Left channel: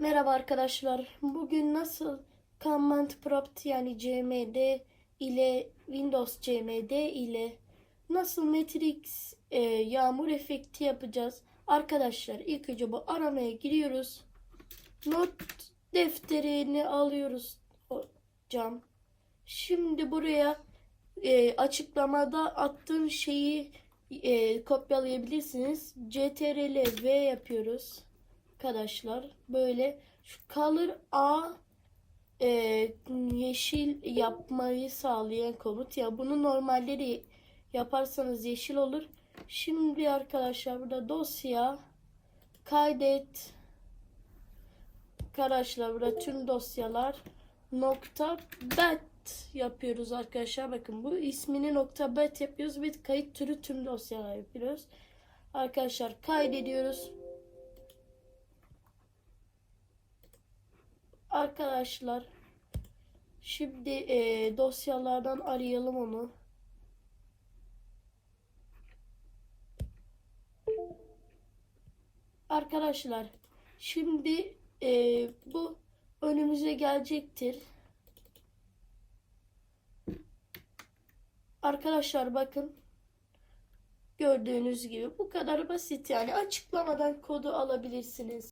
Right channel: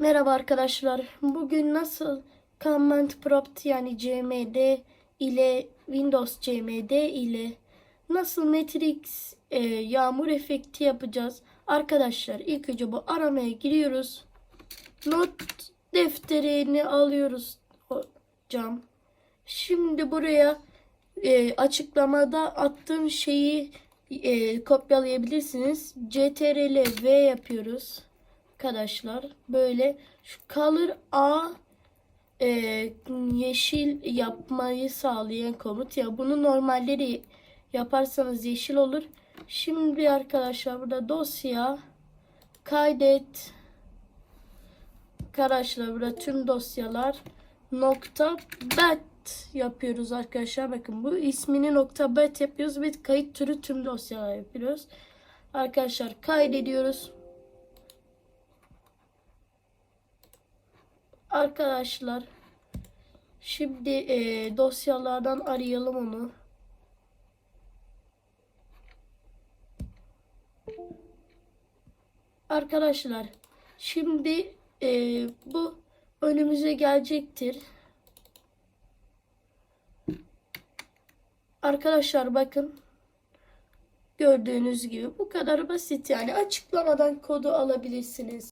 Merhaba arkadaşlar. Bugün nasıl Command Prompt yani CMD ile Windows CMD ile nasıl Matrix e, yağmur efekti yapacağız? Arkadaşlar ilk önce bu aramaya giriyoruz. Not defterini alıyoruz hocam. Şimdi buraya e, açıklamada attığım şeyi e, kopyalayabilirsiniz. CTRL V yapıyoruz arkadaşlar. Böyle şu color A e, yeşil yapmayı sağlayan komut. Ya bunu normalleri yaparsanız yeşil olur. Şimdi arkadaşlar burada dosya kaydet arkadaşlar burada tüm dosyalar nokta bat yapıyoruz arkadaşlar. Bakın bu ismini nokta bat yapıyoruz ve kayıt türü tüm dosyalar yapıyoruz. Arkadaşlar kaydediyoruz. Arkadaşlar şimdi e, dosyalardan arayalım onu. Arkadaşlar şimdi e, bu önümüze gelecektir. Arkadaşlar bakın gördüğünüz gibi bu kadar basit yani açıklamadan kodu alabilirsiniz.